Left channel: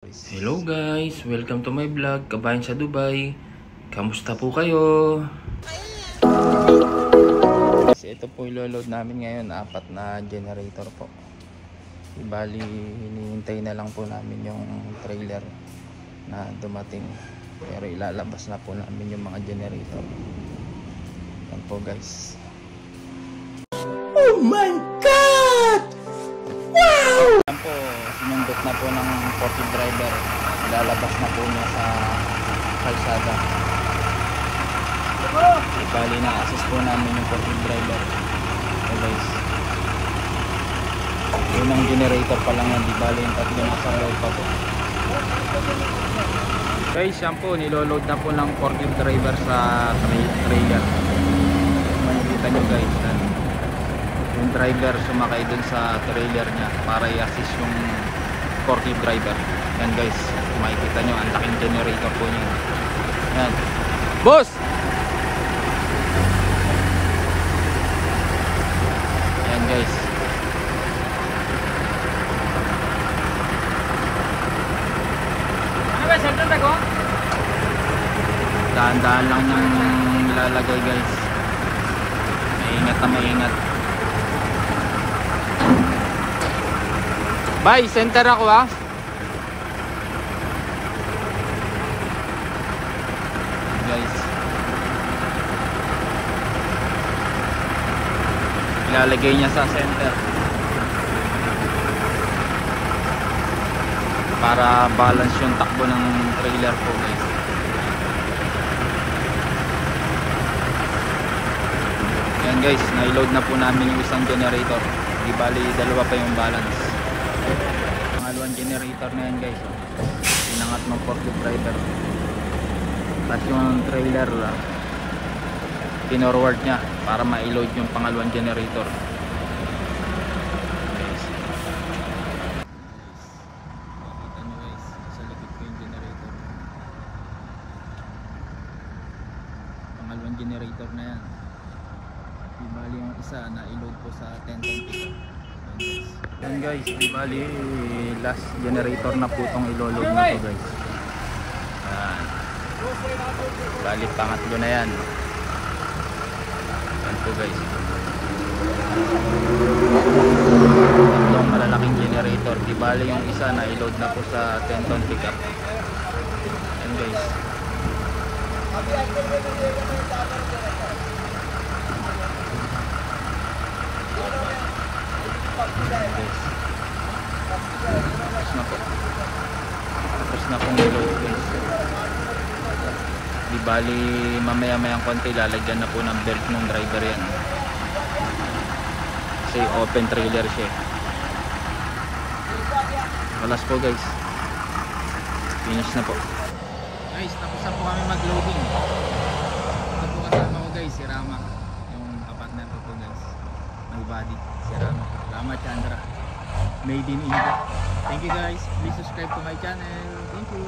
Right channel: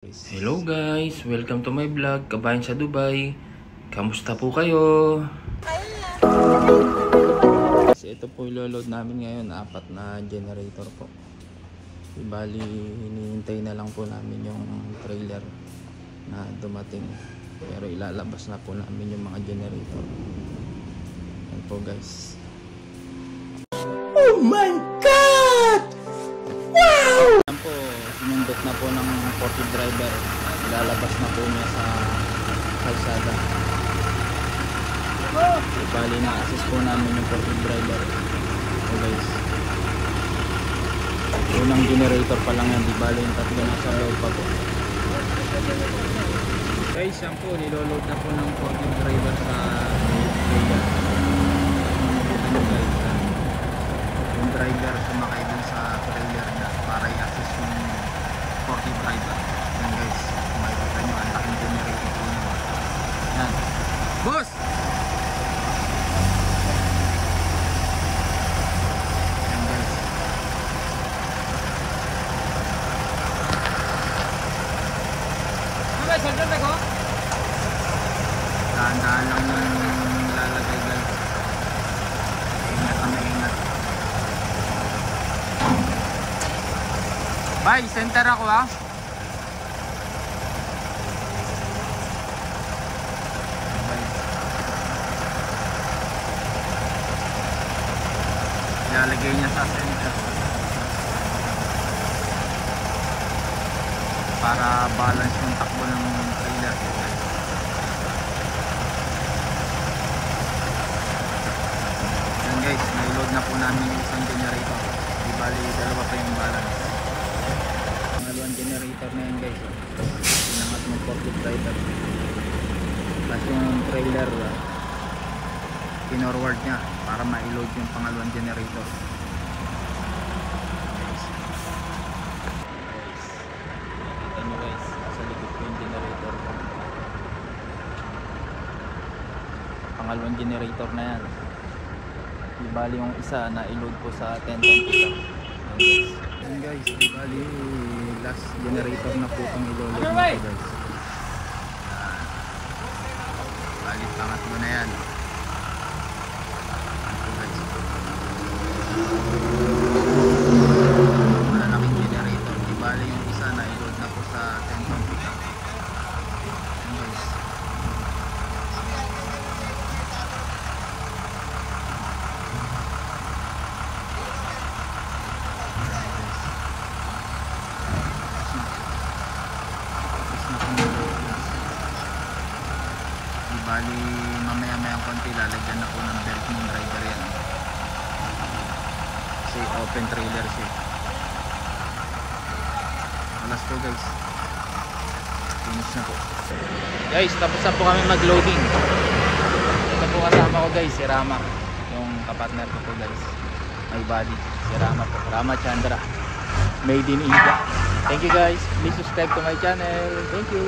Hello guys! Welcome to my vlog, Kabayan sa Dubai. Kamusta po kayo? Kasi ito po ilo-load namin ngayon, 4 na generator po. Ibali, hinihintay na lang po namin yung trailer na dumating. Pero ilalabas na po namin yung mga generator. Yan po guys. Oh my God! Wow! Yan po, sinundot na po ng forklift driver. Lalabas na po niya sa kalsada. Bali na assist po namin yung forklift driver. So guys, unang generator pa lang yan. Di bali yung tatlo na sa loob pa po. Guys, yan po, niloload na po ng forklift driver sa trailer. Makikita nyo guys, yung driver sumakay dun sa trailer niya para i-assist yung forklift driver. Yan guys, makikita nyo ang laking generator po niya. Yan boss! Yan guys, dahan-dahan lang yung nilalagay guys. Maingat na maingat. Bye, center ako ha. Guys, ilalagay niya sa center para balance yung takbo ng trailer po guys. Yan guys, na-load na po namin yung isang generator. Di bali, dalawa pa yung balance. Pangalawang generator na yan guys. Pinangat ng forklift driver. At yung trailer pinorward niya para ma-load yung pangalawang generator. Nakita nyo guys, sa likod ko yung generator. Pangalawang generator na yan. Bali yung isa na i-load po sa 10 ton pickup. Yan guys, bali last generator na po itong i-load nito guys. Bali pangatlo na yan. Yan po guys, tatlong malalaking generator. Di bali yung isa na i-load na po sa 10 ton pickup. Yan guys. Tapos na pong load guys. Di bali mamaya-mayang konti lalagyan na po ng belt ng driver yan. Kasi open trailer siya. Alas po guys. Finish na po. Guys, tapos na po kami mag-loading. Ito po kasama ko guys, si Rama. Yung kapartner ko po guys. My body, si Rama po. Rama Chandra, made in India. Thank you guys. Please subscribe to my channel. Thank you.